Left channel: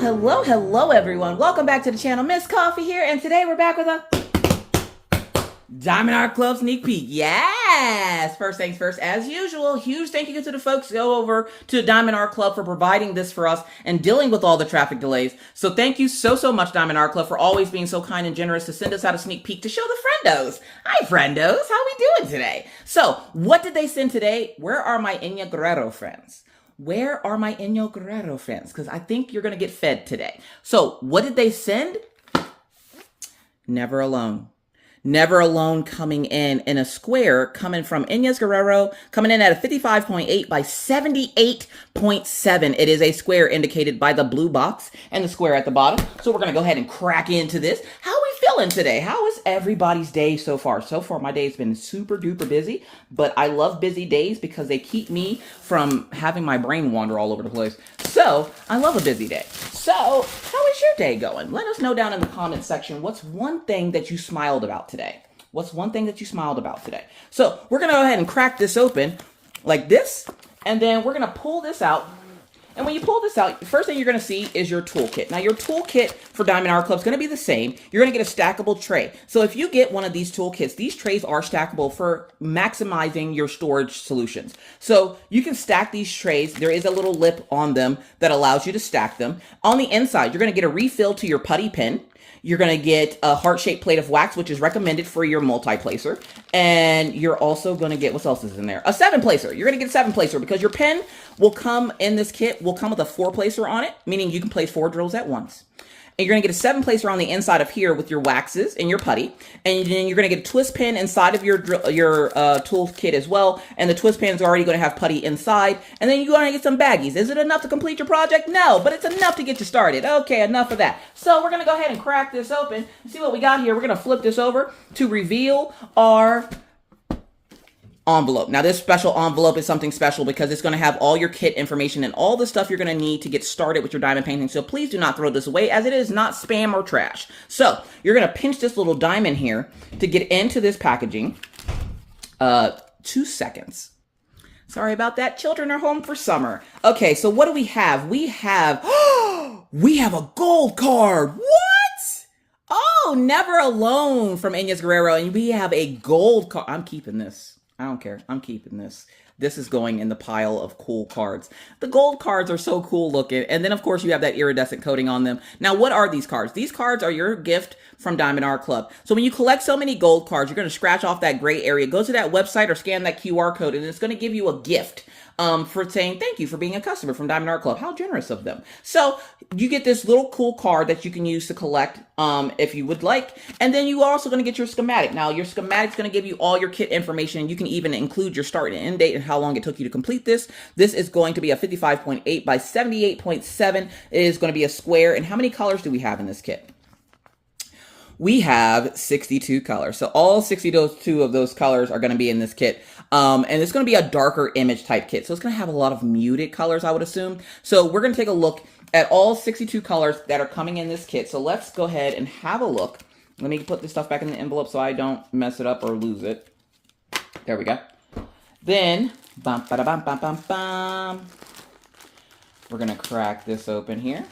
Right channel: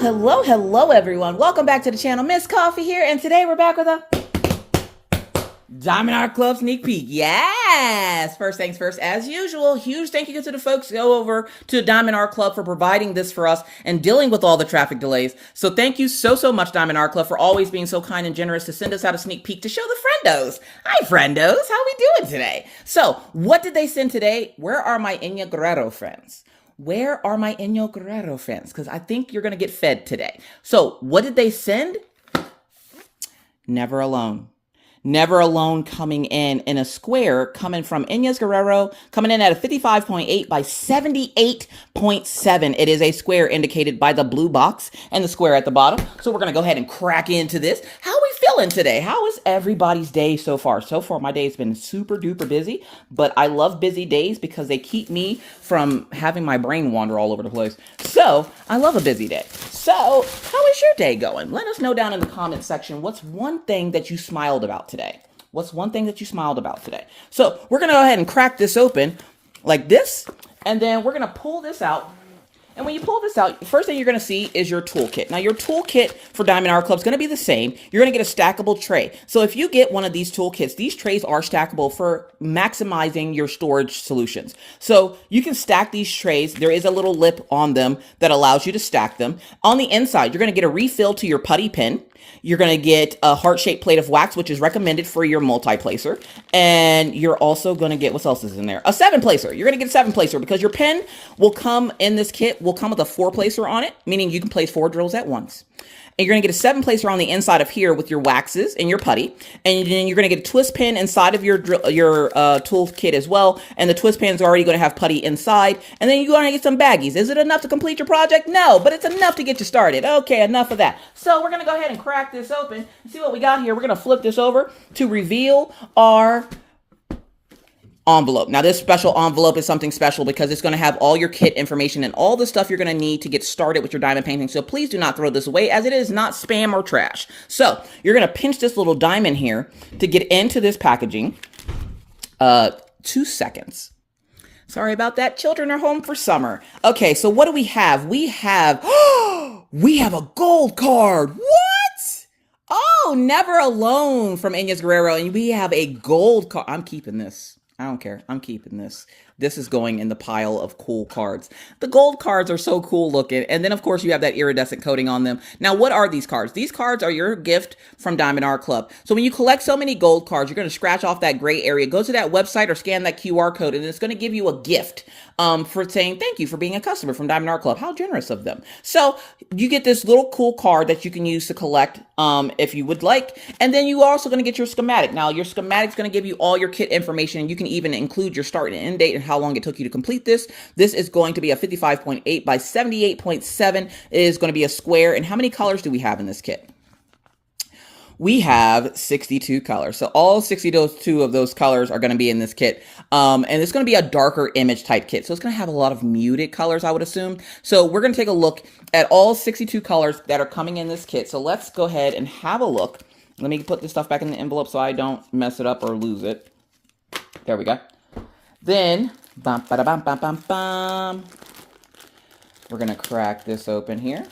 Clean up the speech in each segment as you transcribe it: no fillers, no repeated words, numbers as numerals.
Hello, everyone. Welcome back to the channel. Miss Coffee here, and today we're back with a Diamond Art Club sneak peek. Yes! First things first, as usual, huge thank you to the folks go over to Diamond Art Club for providing this for us and dealing with all the traffic delays. So thank you so much, Diamond Art Club, for always being so kind and generous to send us out a sneak peek to show the friendos. Hi, friendos. How we doing today? So, what did they send today? Where are my Enya Guerrero friends? Where are my Enya Guerrero friends? Because I think you're going to get fed today. So, what did they send? Never Alone. Never Alone coming in a square, coming from Enya Guerrero, coming in at a 55.8 by 78.7. It is a square indicated by the blue box and the square at the bottom. So we're going to go ahead and crack into this. How are we feeling today? How is everybody's day so far? So far, my day has been super duper busy, but I love busy days because they keep me from having my brain wander all over the place. So I love a busy day. So how is your day going? Let us know down in the comment section. What's one thing that you smiled about today? What's one thing that you smiled about today? So we're going to go ahead and crack this open like this, and then we're going to pull this out. And when you pull this out, the first thing you're going to see is your toolkit. Now, your toolkit for Diamond Art Club is going to be the same. You're going to get a stackable tray. So if you get one of these toolkits, these trays are stackable for maximizing your storage solutions. So you can stack these trays. There is a little lip on them that allows you to stack them. On the inside, you're going to get a refill to your putty pen. You're going to get a heart-shaped plate of wax, which is recommended for your multi-placer. And you're also going to get, what else is in there? A 7-placer. You're going to get a 7-placer because your pen will come in this kit, will come with a 4-placer on it, meaning you can place 4 drills at once. And you're going to get a 7-placer on the inside of here with your waxes and your putty. And then you're going to get a twist pin inside of your tool kit as well. And the twist pin's already going to have putty inside. And then you're going to get some baggies. Is it enough to complete your project? No, but it's enough to get you started. Okay, enough of that. So we're going to go ahead and crack this open and see what we got here. We're going to flip this over to reveal our envelope. Now, this special envelope is something special because it's going to have all your kit information and all the stuff you're going to need to get started with your diamond painting. So please do not throw this away, as it is not spam or trash. So you're going to pinch this little diamond here to get into this packaging. 2 seconds. Sorry about that. Children are home for summer. Okay, so what do we have? We have a gold card. What? Oh, Never Alone from Enya Guerrero. And we have a gold card. I'm keeping this. I don't care. I'm keeping this. This is going in the pile of cool cards. The gold cards are so cool looking. And then, of course, you have that iridescent coating on them. Now, what are these cards? These cards are your gift from Diamond Art Club. So when you collect so many gold cards, you're going to scratch off that gray area. Go to that website or scan that QR code, and it's going to give you a gift for saying thank you for being a customer from Diamond Art Club. How generous of them. So you get this little cool card that you can use to collect if you would like. And then you are also going to get your schematic. Now, your schematic is going to give you all your kit information. You can even include your start and end date and how long it took you to complete this. This is going to be a 55.8 by 78.7. It is going to be a square. And how many colors do we have in this kit? We have 62 colors. So all 62 of those colors are going to be in this kit. And it's going to be a darker image type kit. So it's going to have a lot of muted colors, I would assume. So we're going to take a look at all 62 colors that are coming in this kit. So let's go ahead and have a look. Let me put this stuff back in the envelope so I don't mess it up or lose it. There we go. Then, bum, ba, da, bum, bum, bum, bum. We're going to crack this open here.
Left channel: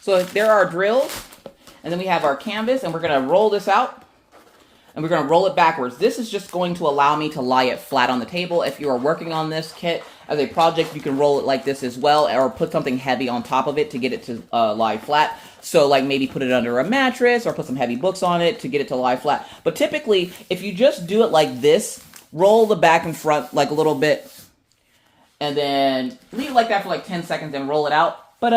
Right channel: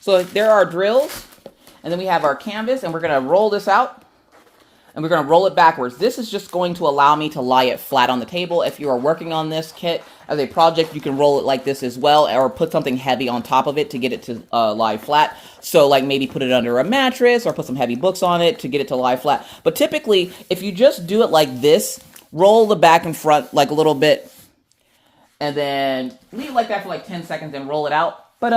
So there are drills, and then we have our canvas, and we're going to roll this out, and we're going to roll it backwards. This is just going to allow me to lie it flat on the table. If you are working on this kit as a project, you can roll it like this as well, or put something heavy on top of it to get it to lie flat. So like maybe put it under a mattress or put some heavy books on it to get it to lie flat. But typically, if you just do it like this, roll the back and front like a little bit, and then leave it like that for like 10 seconds and roll it out. But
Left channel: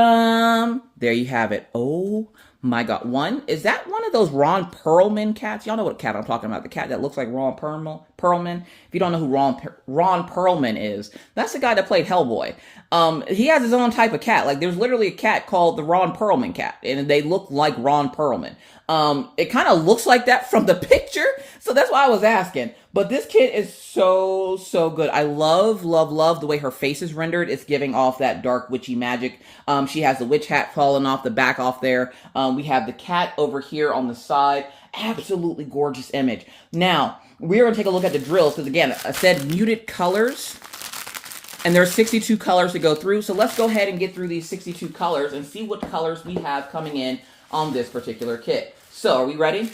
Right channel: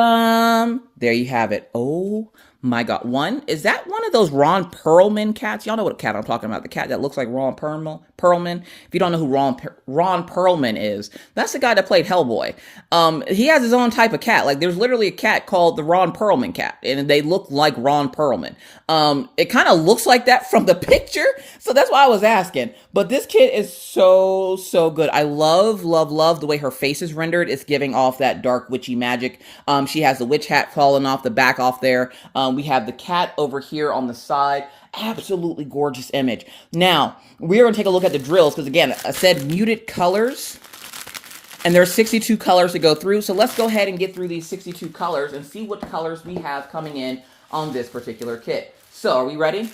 there you have it. Oh my God. Is that one of those Ron Perlman cats? Y'all know what cat I'm talking about. The cat that looks like Ron Perlman. If you don't know who Ron Perlman is, that's the guy that played Hellboy. He has his own type of cat. Like there's literally a cat called the Ron Perlman cat, and they look like Ron Perlman. It kind of looks like that from the picture. So that's why I was asking. But this kit is so good. I love the way her face is rendered. It's giving off that dark witchy magic. She has the witch hat falling off the back off there. We have the cat over here on the side. Absolutely gorgeous image. Now, we're going to take a look at the drills because, again, I said muted colors. And there's 62 colors to go through. So let's go ahead and get through these 62 colors and see what colors we have coming in on this particular kit. So are we ready?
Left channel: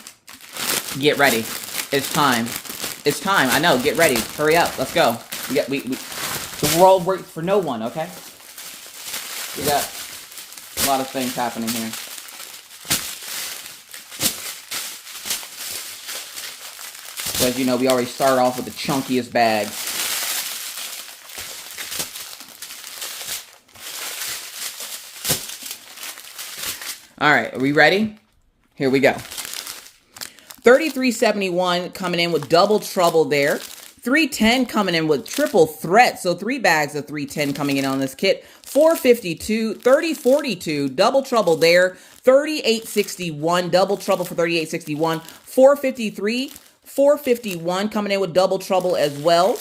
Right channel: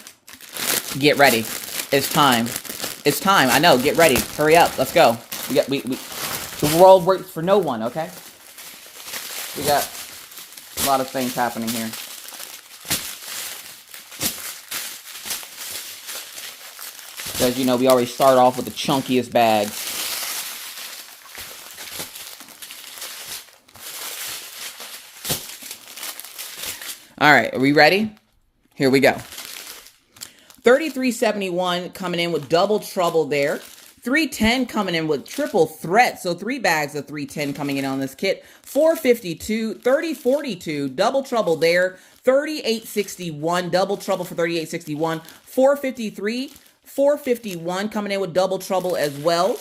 Get ready. It's time. It's time. I know. Get ready. Hurry up. Let's go. We're all waiting for no one, okay? We got a lot of things happening here. So as you know, we already start off with the chunkiest bags. All right, are we ready? Here we go. 3371 coming in with double trouble there. 310 coming in with triple threat. So 3 bags of 310 coming in on this kit. 452, 3042, double trouble there. 3861, double trouble for 3861. 453, 451 coming in with double trouble as well.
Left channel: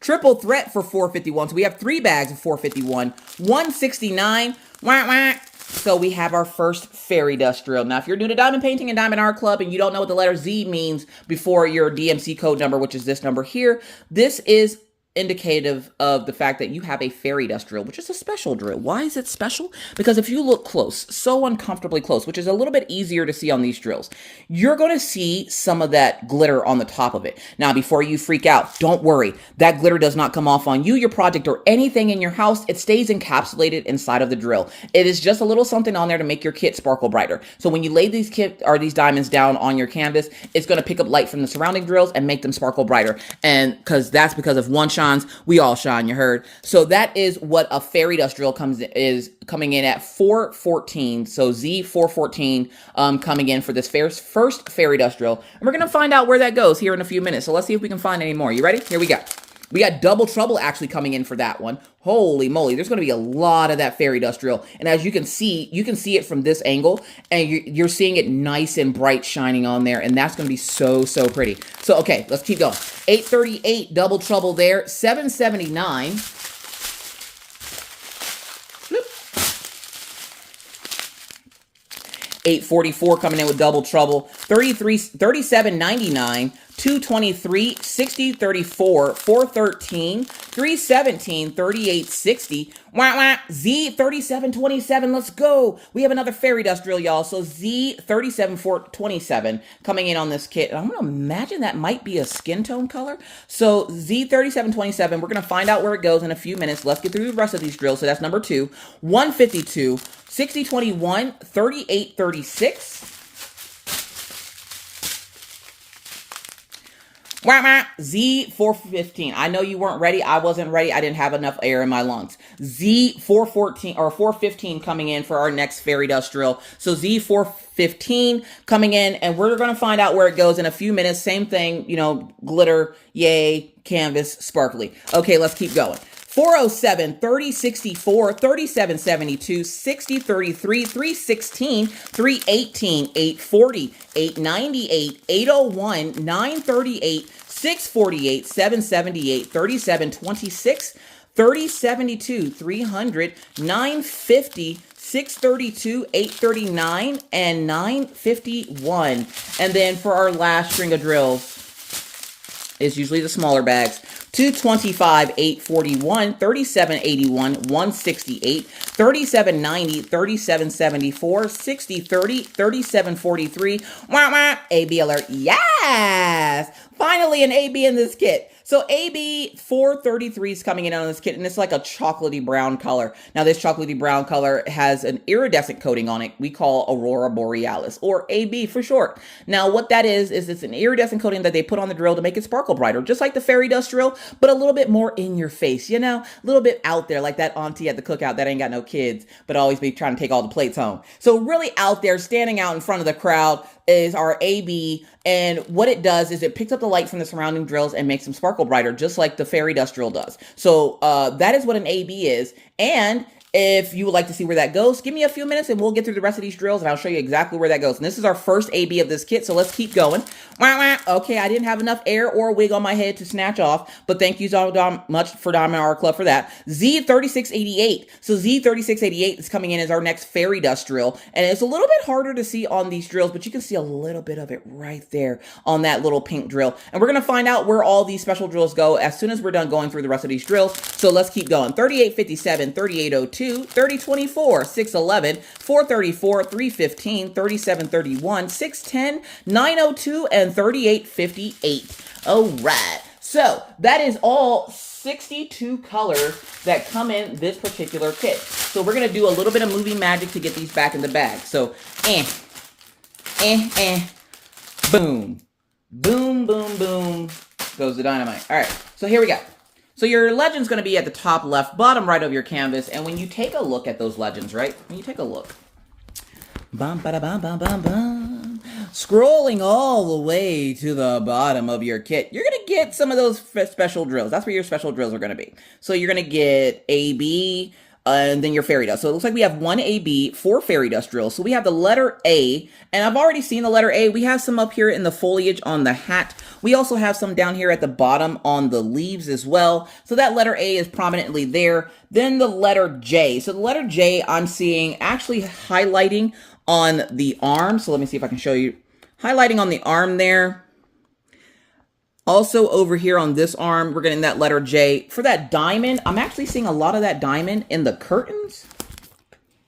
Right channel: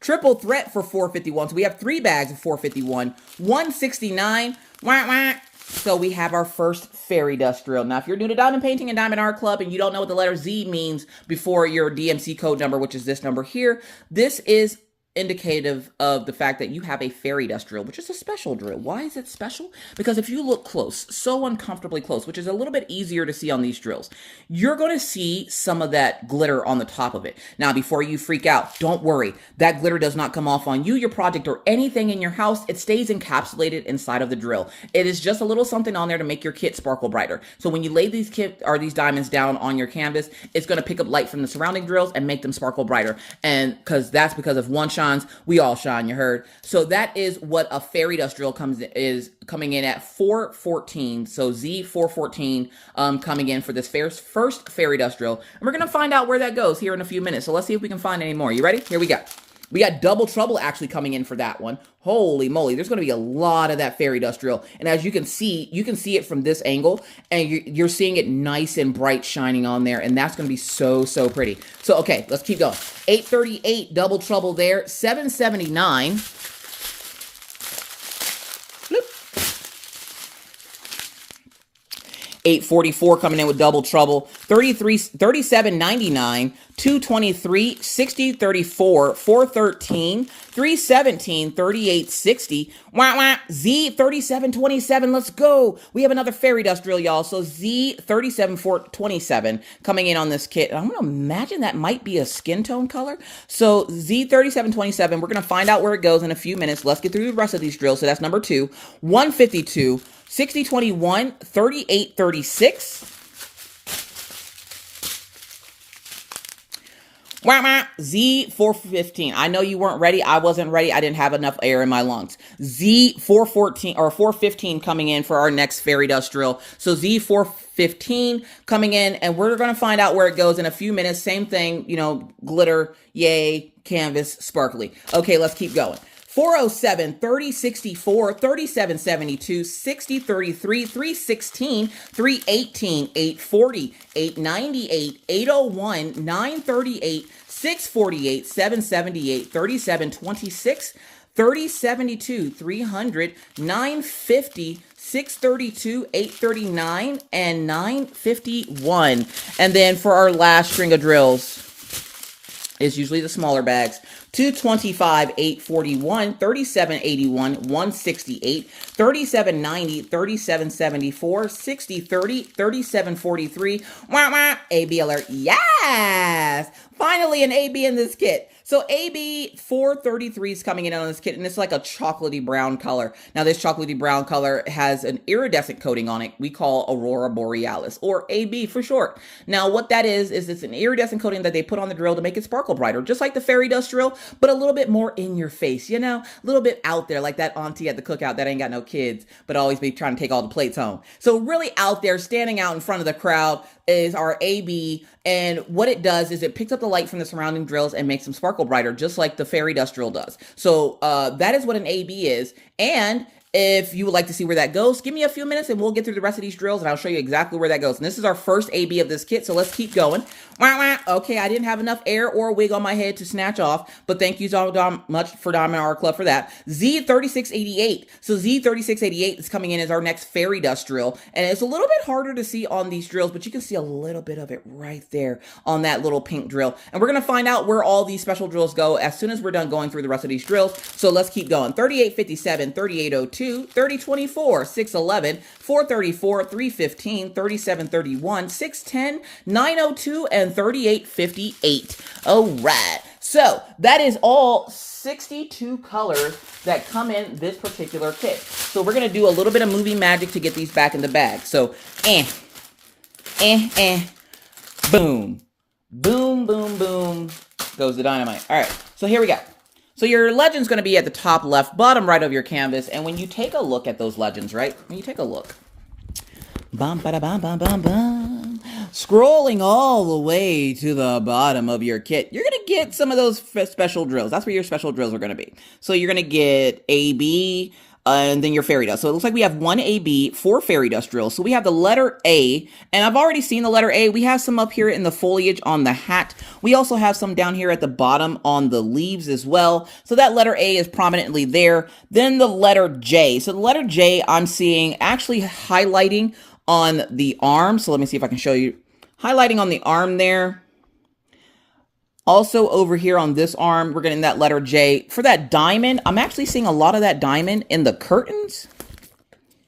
Triple threat for 451. So we have 3 bags of 451. 169. Wah, wah. So we have our first fairy dust drill. Now, if you're new to diamond painting and diamond art club and you don't know what the letter Z means before your DMC code number, which is this number here, this is indicative of the fact that you have a fairy dust drill, which is a special drill. Why is it special? Because if you look close, so uncomfortably close, which is a little bit easier to see on these drills, you're going to see some of that glitter on the top of it. Now, before you freak out, don't worry. That glitter does not come off on you, your project, or anything in your house. It stays encapsulated inside of the drill. It is just a little something on there to make your kit sparkle brighter. So when you lay these these diamonds down on your canvas, it's going to pick up light from the surrounding drills and make them sparkle brighter. And that's because if one shines, we all shine, you heard. So that is what a fairy dust drill is coming in at 414. So Z414 coming in for this first fairy dust drill. And we're going to find out where that goes here in a few minutes. So let's see if we can find any more. You ready? Here we go. We got double trouble actually coming in for that one. Holy moly, there's going to be a lot of that fairy dust drill. And as you can see it from this angle, and you're seeing it nice and bright shining on there, and that's going to be so, so pretty. So, okay, let's keep going. 838, double trouble there. 779. 844 coming in with double trouble. 3799, 223, 60, 34, 413, 317, 3860. Wah, wah, Z3727. Let's go. We have another fairy dust drill, y'all. So Z37427 coming in on this kit. And I'm going to imagine that might be a skin tone color. So Z3727, we're going to find out where it goes in a few minutes. Let's get through the rest of these drills. So that's number 2. 152. 6021, 3836. Z415. I know you weren't ready. I wasn't ready. I didn't have enough air in my lungs. Z414 or 415 coming in for our next fairy dust drill. So Z415 coming in, and we're going to find out where it goes in a few minutes. Same thing, glitter, yay, canvas, sparkly. Okay, let's keep going. 407, 3064, 3772, 6033, 316, 318, 840, 898, 801, 938, 648, 778, 3726, 3072, 300, 950, 632, 839, and 951. And then for our last string of drills, is usually the smaller bags. 225, 841, 3781, 168, 3790, 3774, 6030, 3743. Wah, wah, AB alert. Yes! Finally an AB in this kit. So AB 433 is coming in on this kit, and it's like a chocolatey brown color. Now, this chocolatey brown color has an iridescent coating on it we call Aurora Borealis, or AB for short. Now, what that is it's an iridescent coating that they put on the drill to make it sparkle brighter, just like the fairy dust drill, but a little bit more in your face, a little bit out there, like that auntie at the cookout that ain't got no kids, but always be trying to take all the plates home. So really out there, standing out in front of the crowd is our AB, and what it does is it picks up the light from the surrounding drills and makes them sparkle brighter, just like the fairy dust drill does. So that is what an AB is, and If you would like to see where that goes, give me a few minutes and we'll get through the rest of these drills and I'll show you exactly where that goes. And this is our first AB of this kit, so let's keep going. Okay, I didn't have enough air or wig on my head to snatch off, but thank you so much for Diamond Art Club for that. Z3688. So Z3688 is coming in as our next fairy dust drill, and it's a little bit harder to see on these drills, but you can see a little bit of it right there on that little pink drill. And we're going to find out where all these special drills go as soon as we're done going through the rest of these drills. So let's keep going. 3857, 3802, 3024, 611, 434, 315, 3731, 610, 902, and 3858. All right. So that is all 62 colors that come in this particular kit. So we're going to do a little bit of movie magic to get these back in the bag. So, boom, boom, boom, boom, goes the dynamite. All right, so here we go. So your legend's going to be at the top left, bottom right of your canvas. And when you take a look at those legends, right? When you take a look. Bum, ba, da, bum, bum, bum, bum. Scrolling all the way to the bottom of your kit, you're going to get some of those special drills. That's where your special drills are going to be. So you're going to get AB, and then your fairy dust. So it looks like we have one AB, 4 fairy dust drills. So we have the letter A, and I've already seen the letter A. We have some up here in the foliage on the hat. We also have some down here at the bottom on the leaves as well. So that letter A is prominently there. Then the letter J. So the letter J I'm seeing actually highlighting on the arm. So let me see if I can show you. Highlighting on the arm there. Also over here on this arm, we're getting that letter J. For that diamond, I'm actually seeing a lot of that diamond in the curtains.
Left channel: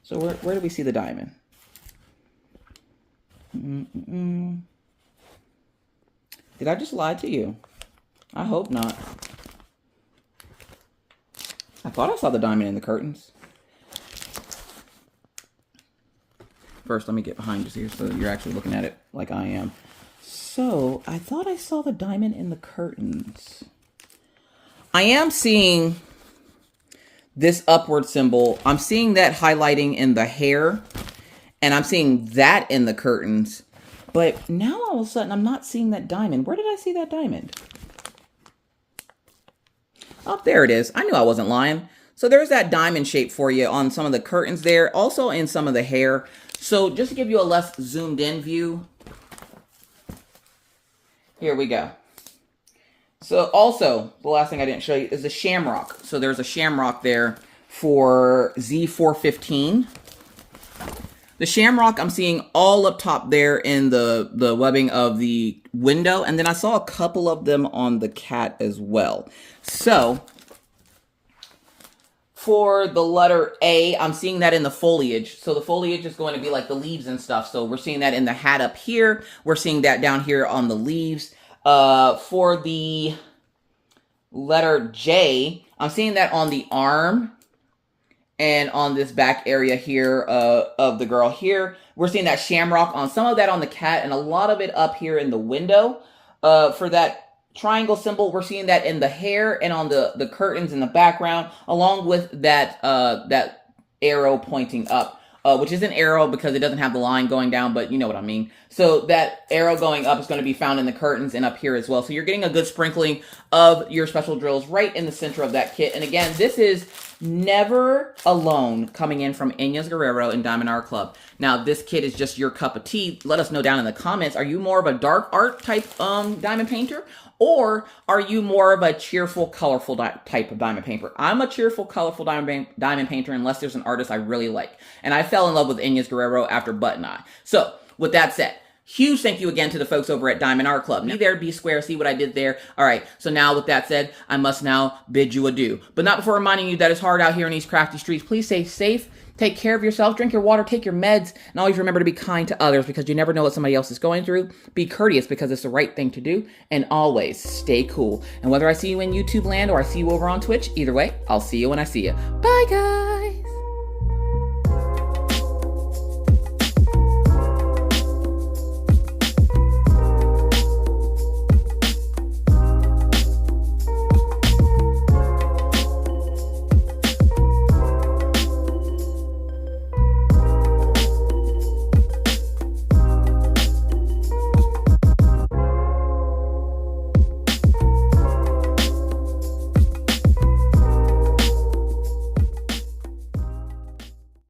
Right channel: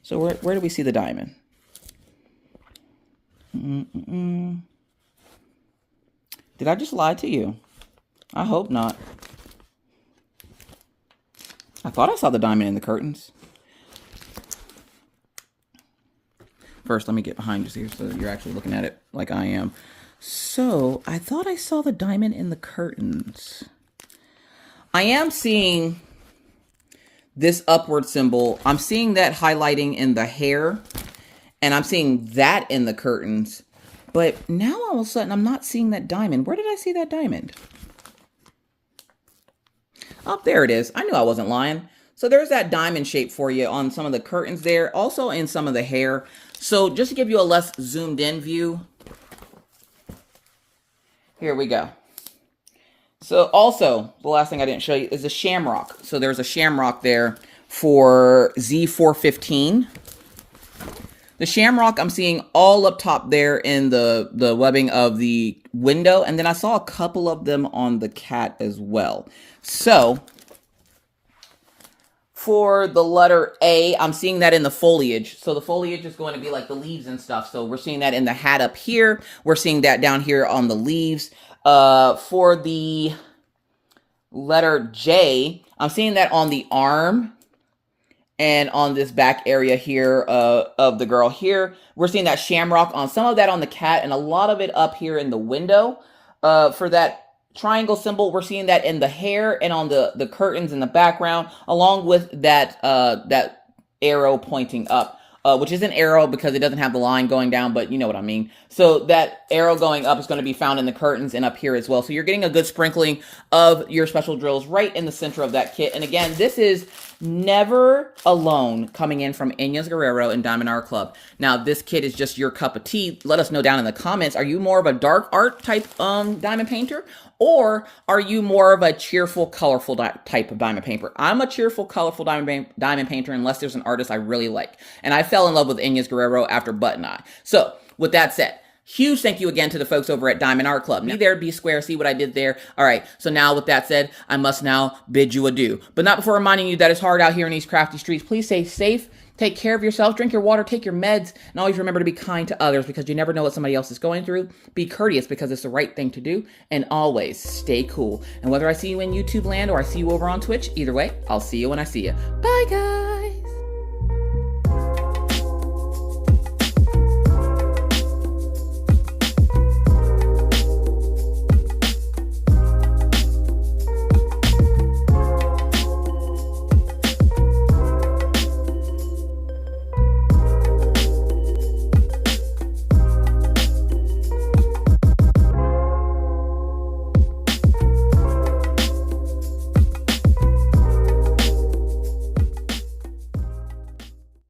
So where do we see the diamond? Did I just lie to you? I hope not. I thought I saw the diamond in the curtains. First, let me get behind you here so that you're actually looking at it like I am. So, I thought I saw the diamond in the curtains. I am seeing this upward symbol. I'm seeing that highlighting in the hair. And I'm seeing that in the curtains. But now all of a sudden, I'm not seeing that diamond. Where did I see that diamond? Oh, there it is. I knew I wasn't lying. So there's that diamond shape for you on some of the curtains there. Also in some of the hair. So just to give you a less zoomed in view. Here we go. So also, the last thing I didn't show you is the shamrock. So there's a shamrock there for Z415. The shamrock I'm seeing all up top there in the webbing of the window. And then I saw a couple of them on the cat as well. So for the letter A, I'm seeing that in the foliage. So the foliage is going to be like the leaves and stuff. So we're seeing that in the hat up here. We're seeing that down here on the leaves. For the letter J, I'm seeing that on the arm and on this back area here of the girl here. We're seeing that shamrock on some of that on the cat and a lot of it up here in the window. For that triangle symbol, we're seeing that in the hair and on the curtains in the background, along with that that arrow pointing up, which is an arrow because it doesn't have the line going down, but you know what I mean. So that arrow going up is going to be found in the curtains and up here as well. So you're getting a good sprinkling of your special drills right in the center of that kit. And again, this is Never Alone coming in from Inez Guerrero and Diamond Art Club. Now, this kit is just your cup of tea. Let us know down in the comments. Are you more of a dark art type diamond painter? Or are you more of a cheerful, colorful type of diamond painter? I'm a cheerful, colorful diamond painter unless there's an artist I really like. And I fell in love with Inez Guerrero after Button Eye. So, with that said, huge thank you again to the folks over at Diamond Art Club. Be there, be square, see what I did there. All right, so now with that said, I must now bid you adieu. But not before reminding you that it's hard out here in these crafty streets. Please stay safe. Take care of yourself, drink your water, take your meds, and always remember to be kind to others because you never know what somebody else is going through. Be courteous because it's the right thing to do, and always stay cool. And whether I see you in YouTube land or I see you over on Twitch, either way, I'll see you when I see you. Bye, guys!